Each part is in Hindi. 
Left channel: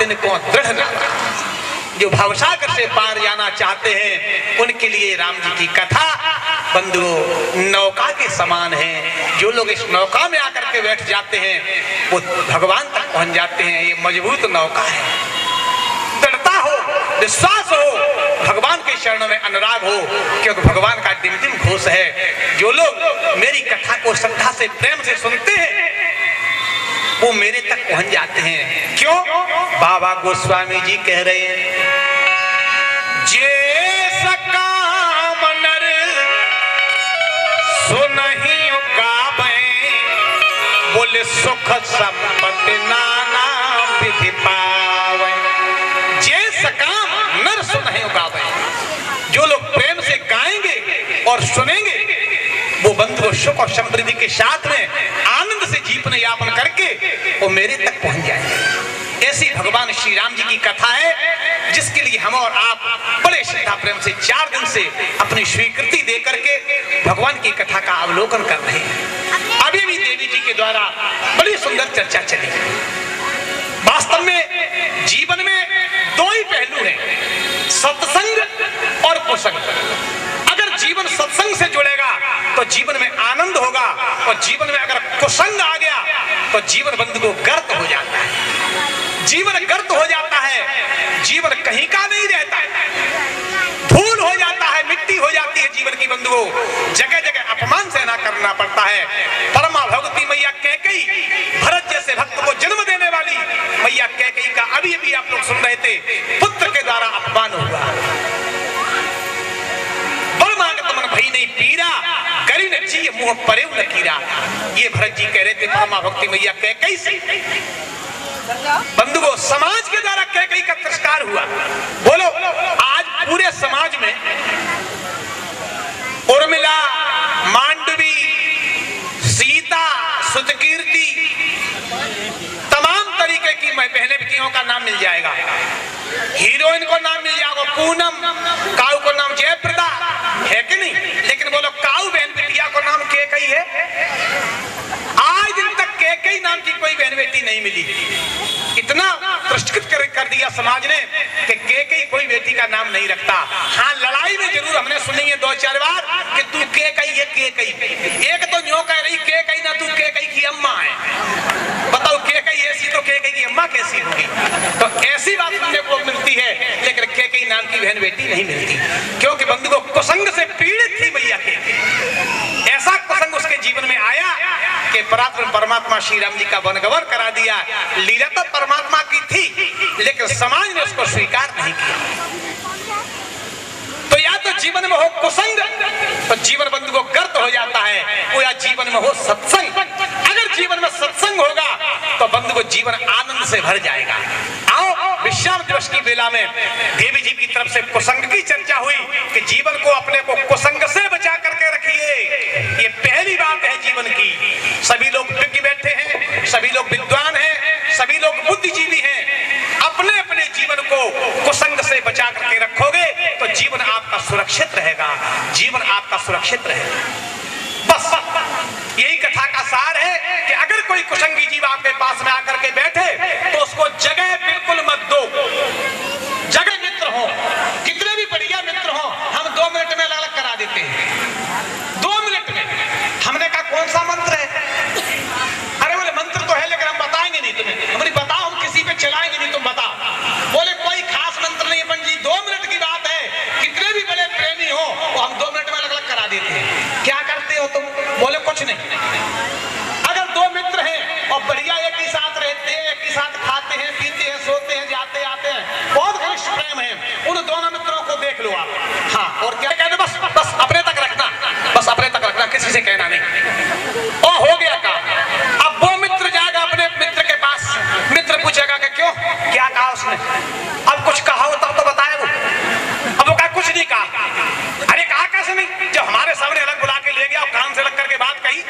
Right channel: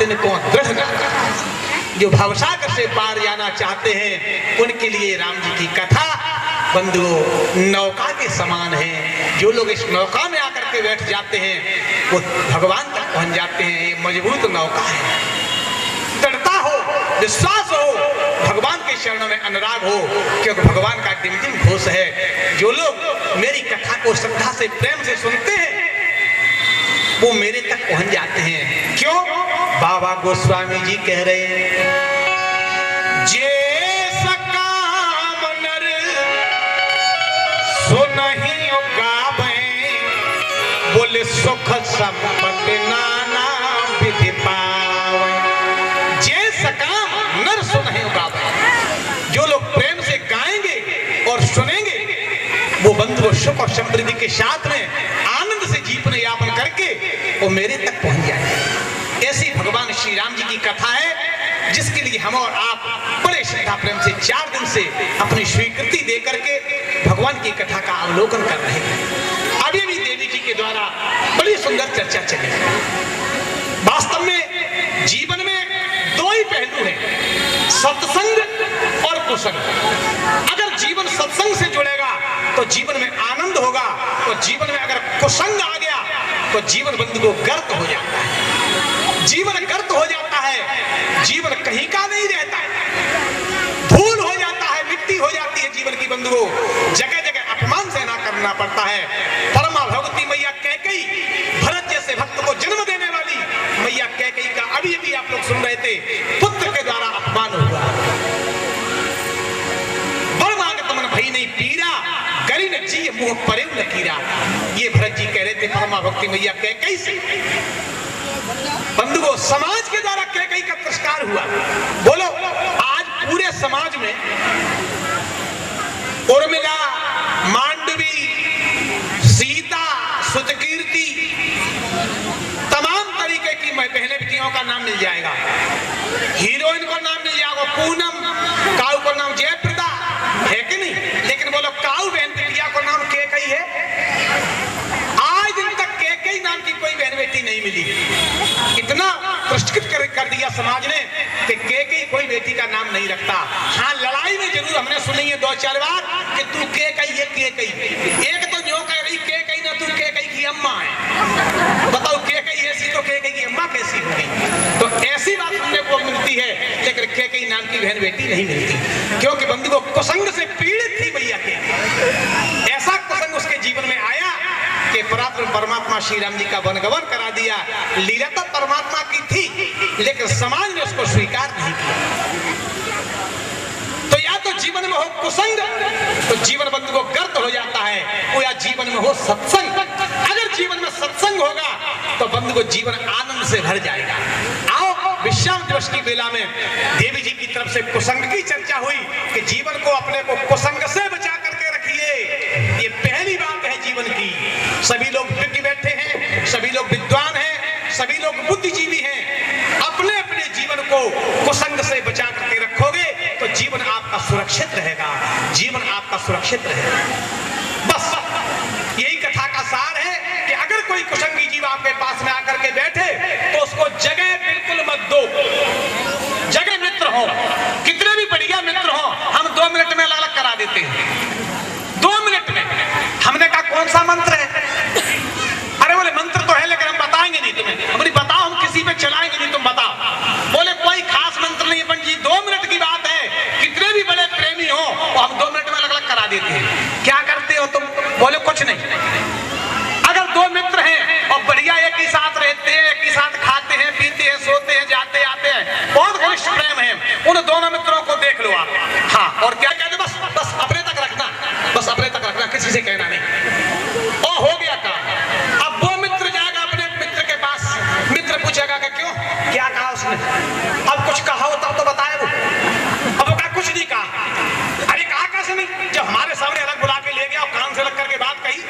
तिनको दृढ़ नाता। जो भवसागर से पार जाना चाहते हैं उनके लिए राम जी की कथा बंधुओं नौका के समान है। जो लोग इस नौका में आकर के बैठ जाते हैं वो भगवान तक पहुंच जाते हैं। ये मजबूत नौका है, दृढ़ता हो, विश्वास हो, भगवान के चरणों में अनुराग हो, क्योंकि भगवान का टिमटिम घोष है। जो लोग मेरी कथा को श्रद्धा से प्रेम से सुनते हैं वो मेरे तक पहुंच जाते हैं। क्यों? बाबा गोस्वामी जी कह रहे हैं, जे सकाम नर सुनहि गावे, बोले सुख संपत्ति नाना विधि पावे। जे सकाम नर सुनहि गावे, जो लोग प्रेम से गाएंगे और सुनेंगे वो बंधु सुख और समृद्धि के साथ में आनंद से जीवन यापन करके वो मेरे तक पहुंच जाएंगे। ऐसी भगवान श्री राम जी की कथा है जिसके लिए हम और आप बड़े श्रद्धा प्रेम से 4 दिन से अपनी स्वीकृति दे करके भगवान की कथा का अवलोकन कर रहे हैं। अभी भी देवी जी के द्वारा बड़ी सुंदर चर्चा चली। वास्तव में जीवन में 2 ही पहलू हैं, सत्संग और कुसंग। अगर जीवन सत्संग से जुड़ेगा तो जीवन में आनंद होगा, और जीवन में अगर कुसंग आ गया तो जीवन बंधु को गर्त हो जाता है। जीवन गर्त हो जाता है, जीवन कहीं का नहीं रहता है, धूल हो जाता है, मिट्टी हो जाती है जीवन की बंधुओं। जगह जगह अपमान सहना करना पड़ता है। परमा भगवती मैया कैकेयी, भरत जैसे भक्त को जन्म देने वाली मैया कैकेयी का अभी अभी आप लोग सुन रहे थे, पुत्र के द्वारा अपमान हुआ। बड़ मांगत मन भई नहीं पीरा, गरी न जी मुंह परे न कीरा। ये भरत जी कह रहे थे परमा भक्ति मैया कैकेयी से। बंधुओं, समाज के द्वारा कैकेयी का तिरस्कार हुआ। बोलो, आज पूरे समाज में उर्मिला, मांडवी, सीता, सुतकीर्ति, तमाम तरीके की बहनें का नाम मिल जाएगा। हीरोइन को नाम मिल जाएगा पूनम, काऊ को नाम जयप्रदा, है कि नहीं? लेकिन बोलो काऊ बहन बिटिया को नाम कैकेयी है? आज दिन तक कैकेयी नाम की कोई बहन बेटी नहीं मिली। इतना पुरस्कृत कर दिया समाज ने कि कैकेयी कोई बेटी का नाम नहीं रखता। हाँ, लड़ाई में जरूर हमने सुनी है 2-4 बार कि तू कैकेयी है, कैकेयी। एक तो न्यों कह रही कैकेयी ना, तू कैकेयी की अम्मा है। बताओ, कैकेयी ऐसी तो कैकेयी की अम्मा कैसी होगी? तो ऐसी बात सुनने को मिलती है, लेकिन कैकेयी नाम की बहन बेटी नहीं मिलती, क्योंकि बंधु को कुसंग से पीड़ित थी भैया कैकेयी। ऐसा कुसंग उसके जीवन में आया कि परमात्मा श्री राम जी का वनगमन करा दिया। लीला तो परमात्मा की थी, लेकिन समाज ने उसको स्वीकार नहीं किया। तो या तो जीवन में हो कुसंग तो जीवन बंधु को गर्त हो जाता है, वो या जीवन में हो सत्संग। अगर जीवन में सत्संग होगा तो बंधु को जीवन आनंद से भर जाएगा। आओ, विश्राम दिवस की बेला में देवी जी की तरफ से कुसंग की चर्चा हुई कि जीवन को अपने को कुसंग से बचा करके रखिए। ये पहली बात है जीवन की। सभी लोग विज्ञ बैठे हैं, सभी लोग विद्वान हैं, सभी लोग बुद्धिजीवी हैं। अपने अपने जीवन को कुसंग से बचा करके रखोगे तो जीवन आपका सुरक्षित रहेगा, जीवन आपका सुरक्षित रहेगा। बस यही कथा का सार है कि अगर कोई कुसंगी जीव आपके पास में आकर के बैठे तो उसको जगह बिल्कुल मत दो। जगह मित्र हो, कितने भी बढ़िया मित्र हो, हम 2 मिनट में अलग अलग करा देते हैं। 2 मिनट में। हमने कहा कौन सा मंत्र है? अरे बोले मंत्र तो है लेकिन हम बताएंगे नहीं तुम्हें। हमने बताओ, हम किसी पे चलाएंगे नहीं, तुम बताओ। बोले कोई खास मंत्र नहीं है जी, 2 मिनट की बात है। कितने भी बड़े प्रेमी हो वो हम 2 मिनट में अलग अलग करा देते हैं। क्या करते हो तुम? बोले कुछ नहीं। अगर 2 मित्र हैं और बढ़िया एक ही साथ रहते हैं, एक ही साथ खाते हैं, पीते हैं, सोते हैं, जाते आते हैं, बहुत घनिष्ठ प्रेम है, उन दोनों मित्रों को देख लो आप। हाँ, और क्या कहते? बस बस अपने तक रखना, बस अपने तक रखना, किसी से कहना नहीं। और हो गया काम। अब वो मित्र जाएगा अपने मित्र के पास, मित्र पूछेगा कि क्यों, क्या कहा उसने? अब कुछ कहा हो तब तो बताए वो। अब वो कहा कुछ नहीं कहा। अरे कहा कैसे नहीं? जब हमारे सामने अलग बुला के ले गया और कान से लग करके बात कही,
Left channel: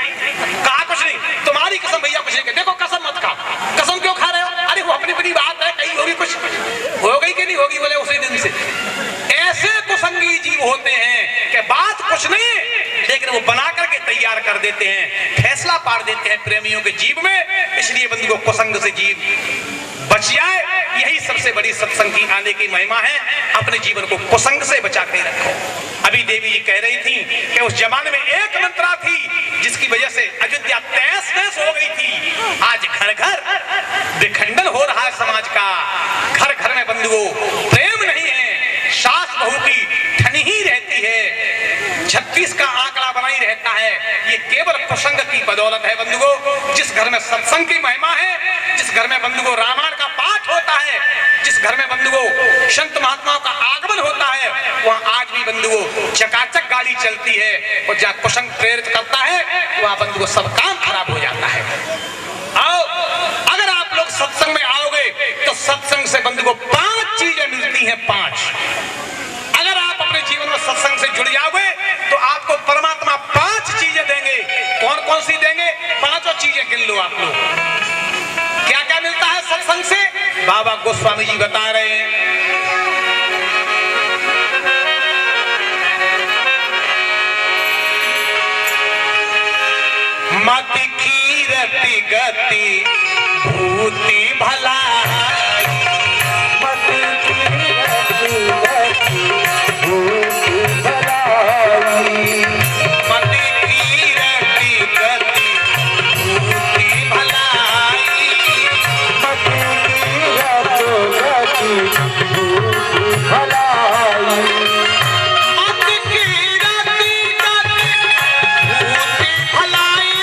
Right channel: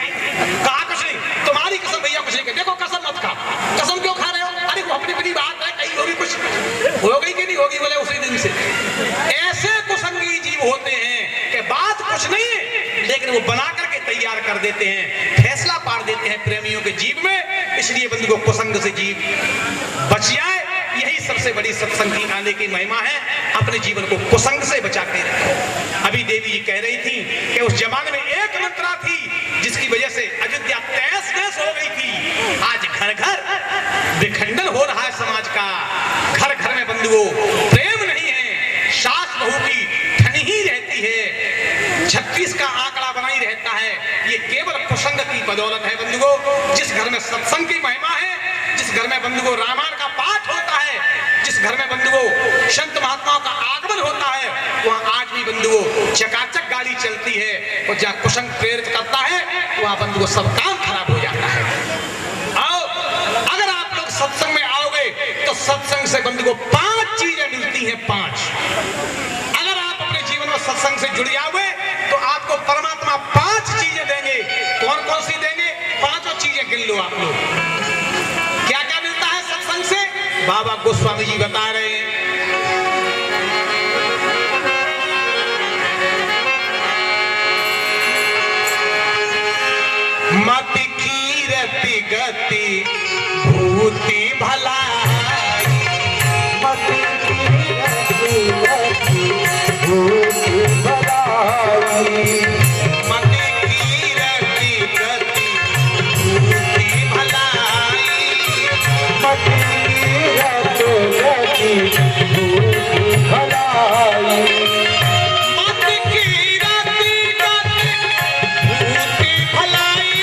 कहा कुछ नहीं। तुम्हारी कसम भैया कुछ नहीं कही। देखो कसम मत खा। कसम क्यों खा रहे हो? अरे वो अपनी अपनी बात है, कही होगी, कुछ हो गई कि नहीं होगी? बोले उसी दिन से। ऐसे कुसंगी जीव होते हैं कि बात कुछ नहीं है लेकिन वो बना करके तैयार कर देते हैं, फैसला पाड़ देते हैं प्रेमियों के जीव में। इसलिए बंधु को कुसंग से जीव बच जाए, यही बड़ी सत्संग की आने की महिमा है। अपने जीवन को कुसंग से बचा के रखो। अभी देवी जी कह रही थी कि उस जमाने में एक मंत्रा थी जिसकी वजह से अयोध्या तहस नहस हो गई थी। आज घर घर विखंडन हो रहा है समाज का। घर घर में बंधुओं प्रेम नहीं है, सास बहू की ठनी ही रहती है, 36 का आंकड़ा बना ही रहता है। ये केवल कुसंग की बदौलत है बंधुओं। जिस घर में सत्संग की महिमा है, जिस घर में बंधुओं रामायण का पाठ होता है, जिस घर में बंधुओं संत महात्माओं का आगमन होता है, वहां आज भी बंधुओं चकाचक गाड़ी चलती है। और जहां कुसंग प्रेरित करता है वहां बंधुओं सब काम खराब हो जाता है। आओ, अगर आप लोग सत्संग में आओगे तो सत्संग से बंधुओं 5 चीजें मिलती हैं। 5 अगर आप अपने जीवन में सत्संग से जुड़ जाओगे तो आपको परमात्मा 5 चीजें देंगे। कौन कौन सी देंगे? 5 चीजें गिन लो आप लोग। क्या क्या मिलता है सत्संग से? बाबा गोस्वामी जी बता रहे हैं। मति कीरति गति भूति भलाई, मति कीरति गति भूति भलाई, मति कीरति गति भूति भलाई, मति कीरति गति भूति भलाई, मति कीरति गति भूति भलाई।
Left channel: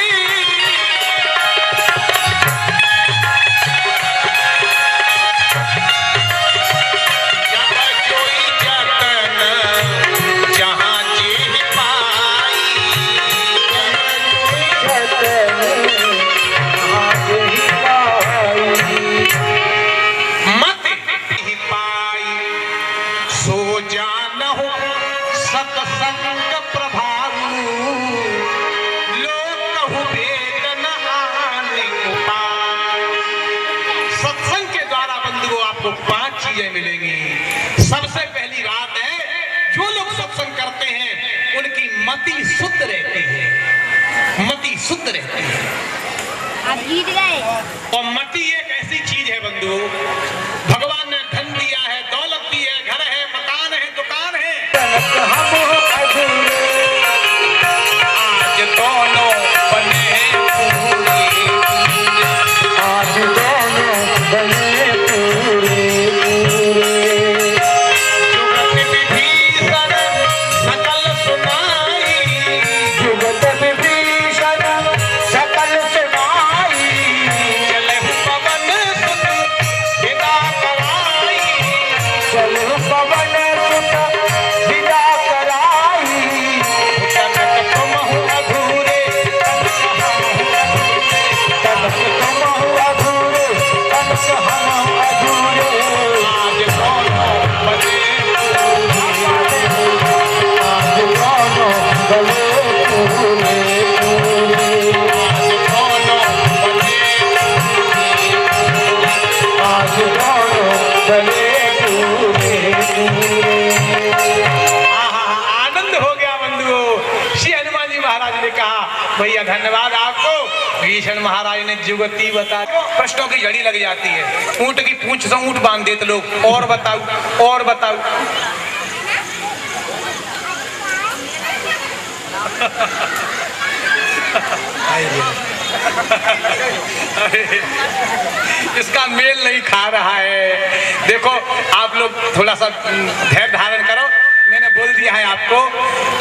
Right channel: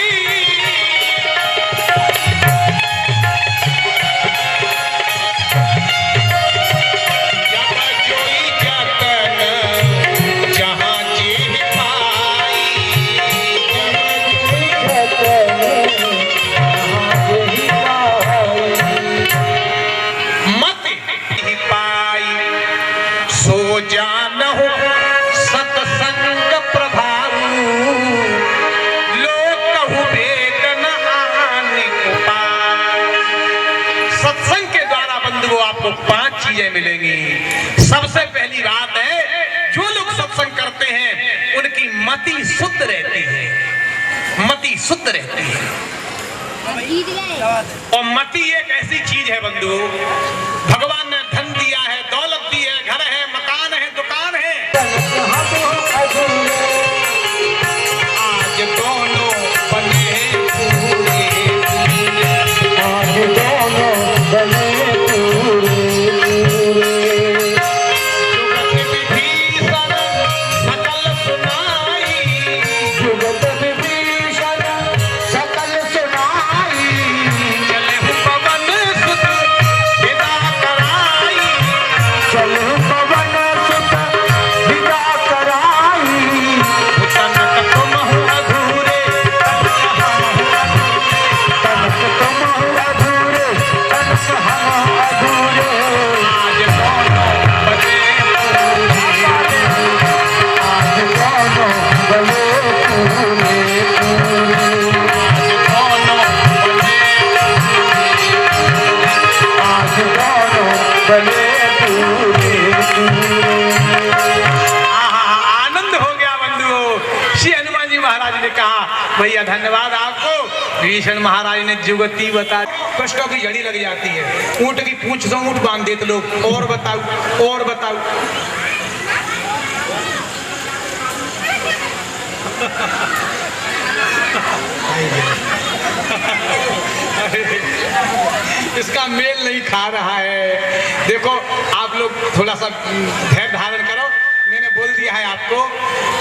मिलेंगी। सबसे पहली बात है, जो लोग सत्संग करते हैं उनकी मति शुद्ध रहती है। मति शुद्ध रहती है। और मति एक ऐसी चीज है बंधु, भगवान ने धन दिया है, दौलत दी है, घर है, मकान है, दुकान है, आज दोनों बने पूरे, आज दोनों बने भैया धन्यवाद आपको। भीषण महाराज ने जुगती बता, कष्टों की जड़ी लग जाती है। ऊंट की पूंछ से ऊंट बांध देते लोग। और बताओ, और बताओ। इसका मेल नहीं खा रहा है। देखो आप लोग थोड़ा सा धैर्य धारण करो। मैंने बोल दिया है आपको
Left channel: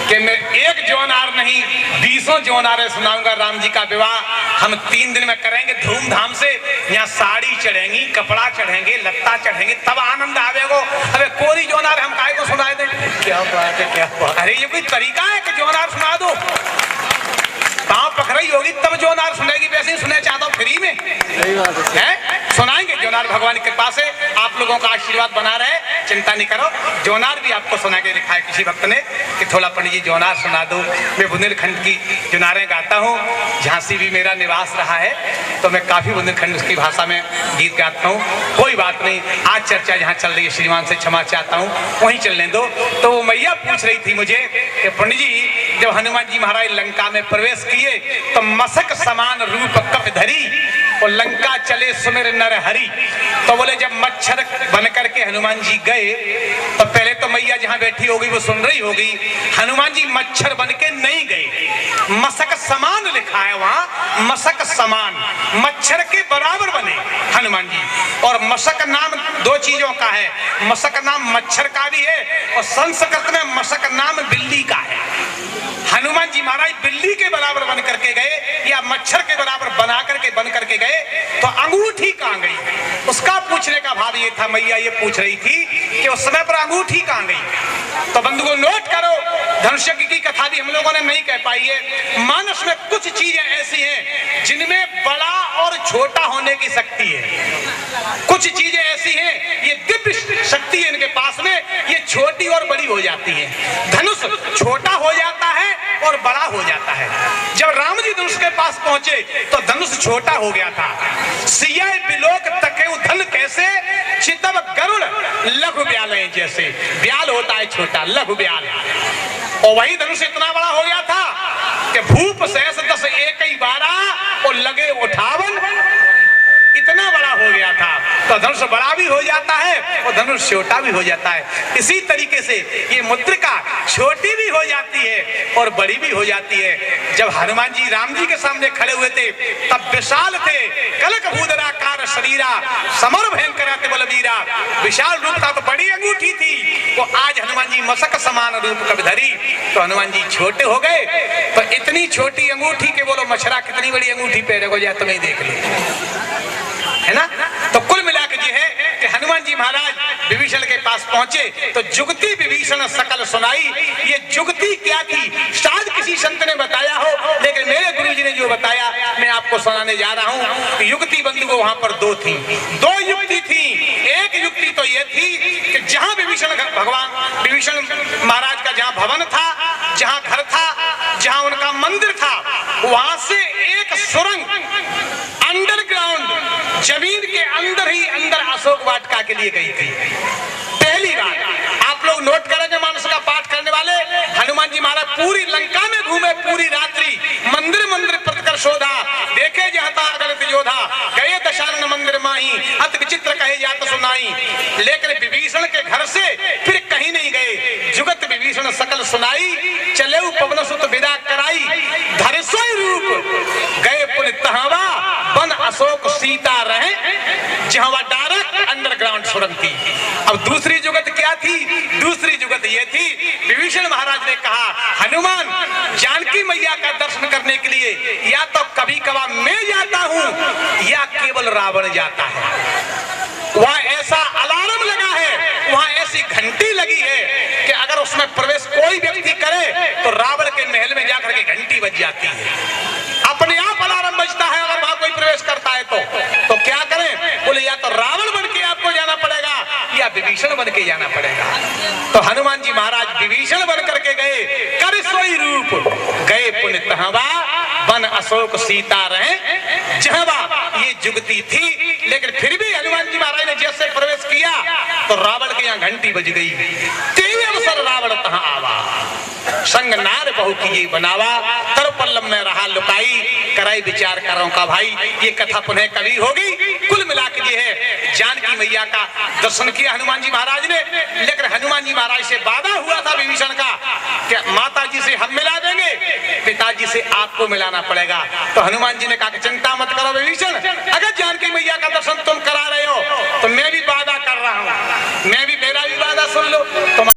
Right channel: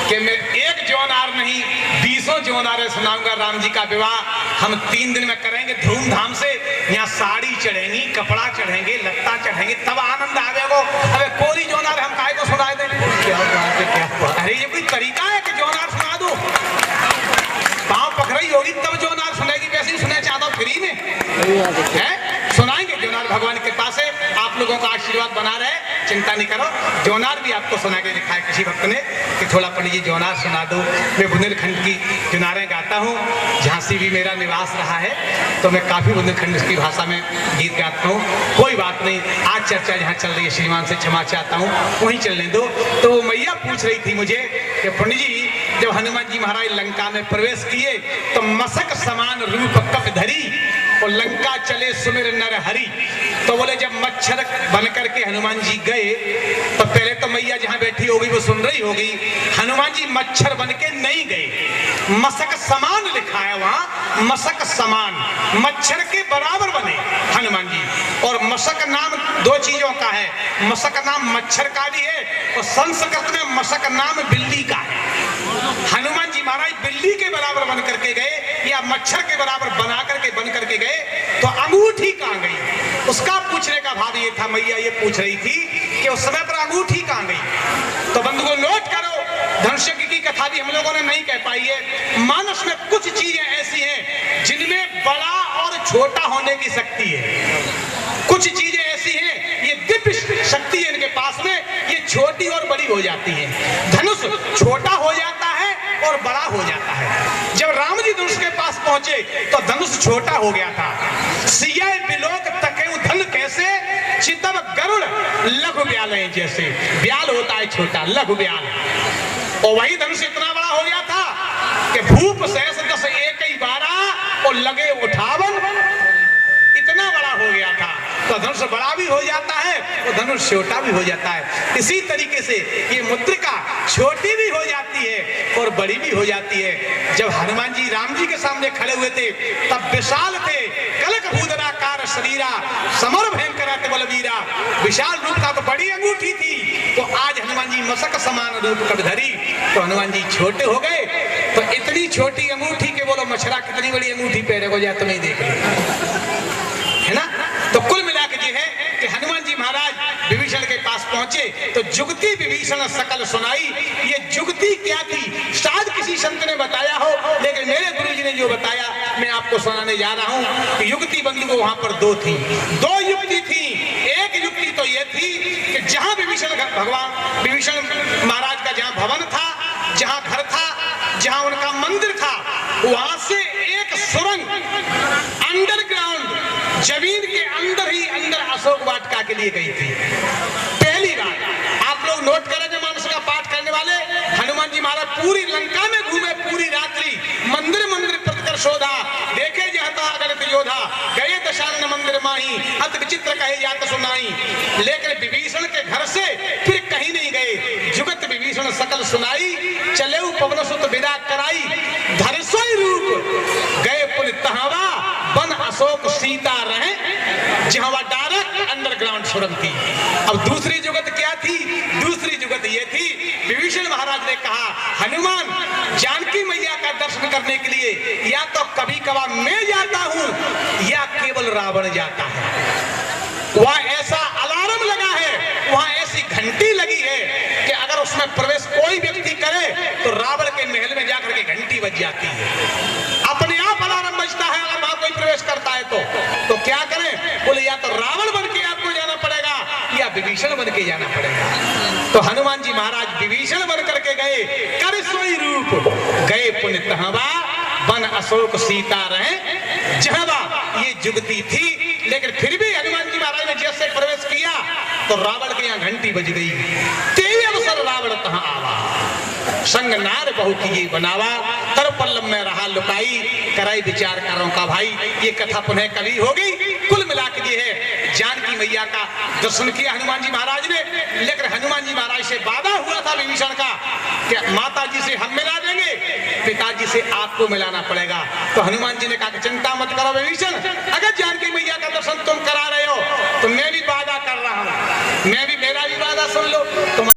कि मैं एक जौनार नहीं 20 जौनारे सुनाऊंगा। राम जी का विवाह हम 3 दिन में करेंगे धूमधाम से। यहाँ साड़ी चढ़ेंगी, कपड़ा चढ़ेंगे, लत्ता चढ़ेंगे, तब आनंद आवेगो। अबे कोरी जौनार हम काहे को सुना दे? क्या बात है, क्या बात। अरे ये कोई तरीका है कि जौनार सुना दो? पाँव पकड़ाई होगी तब जौनार सुनेगी। वैसे ही सुने चाहता हूँ फ्री में है, सुनाएंगे जौनार भगवान की कृपा से। आप लोगों का आशीर्वाद बना रहे, चिंता नहीं करो। जौनार भी आपको सुना के दिखाया किसी भक्त ने कि थोड़ा पंडित जी जौनार सुना दो। मैं बुंदेलखंड की जौनारें गाता हूँ। झांसी भी मेरा निवास रहा है तो मैं काफी बुंदेलखंड की भाषा में गीत गाता हूँ। कोई बात नहीं, आज चर्चा जहाँ चल रही है श्रीमान से क्षमा चाहता हूँ, वहीं चलने दो। तो वो मैया पूछ रही थी मुझे कि पंडित जी जब हनुमान जी महाराज लंका में प्रवेश किए तो मसक समान रूप कप धरी और लंका चले सुमिर नर हरि। तो बोले जब मच्छर बन करके हनुमान जी गए तो पहले तो मैया जहां बैठी होगी वो सुन रही होगी, हनुमान जी मच्छर बन के नहीं गए, मसक समान लिखा है वहां, मसक समान, मच्छर के बराबर बने हनुमान जी। और मसक नाम दो चीजों का है, मसक नाम मच्छर का भी है और संस्कृत में मसक नाम बिल्ली का है। हनुमान जी महाराज बिल्ली के बराबर बन करके गए या मच्छर के बराबर बना करके बन करके गए तो अंगूठी कहां गई, उसका पूछने का भाव ये था। मैया ये पूछ रही थी कि उस समय पर अंगूठी कहां गई। तो बंधुओं नोट करो, धनुष्यज्ञ की कथा भी हम लोगों ने नहीं कह पाई है। मानस में कुछ चीजें ऐसी हैं जिनमें बड़ा और छोटा होने की शक्ति है, कुछ चीजें ऐसी हैं ये दिव्य शक्ति है इनके पास में, ये छोटी और बड़ी हो जाती है। धनुष छोटा हो जाता है और बड़ा हो जाता है। जब राम जी धनुष के पास पहुंचे तो धनुष छोटा हो गया था। सिया बिलोक तकेउ धन कैसे, चितव गरुड़ लघु ब्याल जैसे, ब्याल होता है छोटा, लघु ब्याल, और वही धनुष इतना बड़ा हो गया था कि भूप सहस 10 एक 12 और लगे 58, इतना बड़ा हो गया था। तो धनुष बड़ा भी हो जाता है और धनुष छोटा भी हो जाता है। इसी तरीके से ये मुद्रिका छोटी भी हो जाती है और बड़ी भी हो जाती है। जब हनुमान जी राम जी के सामने खड़े हुए थे तब विशाल थे, कलक भूधराकार शरीरा, समर भयंकर बलवीरा, विशाल रूप था तो बड़ी अंगूठी थी। तो आज हनुमान जी मसक समान रूप कब धरी, तो हनुमान जी छोटे हो गए। तो इतनी छोटी अंगूठी के बोलो मछरा कितनी बड़ी अंगूठी पे रखो जाए तुम्हें देख लो, है ना। तो कुल मिलाकर ये है कि हनुमान जी महाराज विभीषण के पास पहुंचे तो जुगती विभीषण सकल सुनाई। ये जुगती क्या की शायद किसी संत ने बताया हो, लेकिन मेरे गुरु जी ने जो बताया मैं आपको सुनाने जा रहा हूं। युक्ति बंधु को वहां पर दो थी, दो युक्ति थी। एक युक्ति तो ये थी कि जहां विभीषण महाराज का जहां भवन था, जहां घर था, जहां उनका मंदिर था, वहां से एक सुरंग अंडरग्राउंड जमीन के अंदर ही अंदर अशोक वाटिका के लिए गई थी। पहली बार आप लोग नोट करेंगे, मानस का पाठ करने वाले, हनुमान जी महाराज पूरी लंका में घूमे, पूरी रात्रि मंदिर मंदिर प्रतिकर शोधा, देखे जाता अगणित योधा, गए दशानन मंदिर माही, अति विचित्र कहे जात सुनाई। लेकिन विभीषण के घर से फिर कहीं नहीं गए। जुगत विभीषण सकल सुनाई, चले पवन सुत विदा कराई, धरसोई रूप गए पुन तहावा, बन अशोक सीता रहे, जहां वह डायरेक्ट अंडरग्राउंड सुरंग थी। अब दूसरी जुगत क्या थी? दूसरी जुगत ये थी, विभीषण महाराज ने कहा हनुमान जानकी मैया का दर्शन करने के लिए या तो कभी कभार मैं जाता हूं या केवल रावण जाता है। वहां ऐसा अलार्म लगा है, वहां ऐसी घंटी लगी है कि अगर उसमें प्रवेश कोई व्यक्ति करे तो रावण के महल में जाकर के घंटी बज जाती है, अपने आप अलार्म बजता है। अगर वहां कोई प्रवेश करता है तो क्या करें? बोले या तो रावण बन के आपको जाना पड़ेगा या विभीषण बन के जाना पड़ेगा। तो हनुमान जी महाराज विभीषण बन करके गए, कर सोई रूप गए पुन तहावा, बन अशोक सीता रहे, जहां ये जुगती थी। लेकिन फिर भी हनुमान जी महाराज ने जैसे प्रवेश किया तो रावण के यहाँ घंटी बज गई। तेई अवसर रावण तहां आवा, संग नार बहु किए बनावा, तर पल्लव में रहा लुकाई, कराई विचार करो का भाई। ये कथा पुनः कभी होगी। कुल मिलाकर ये है, जानकी मैया का दर्शन किया हनुमान जी महाराज ने। लेकिन हनुमान जी महाराज से वादा हुआ था विभीषण का कि माता जी से हम मिला देंगे, पिताजी से आपको मिलाना पड़ेगा। तो हनुमान जी ने कहा कि चिंता मत करो विभीषण, अगर जानकी मैया का दर्शन तुम करा रहे हो तो मैं भी वादा कर रहा हूं, मैं भी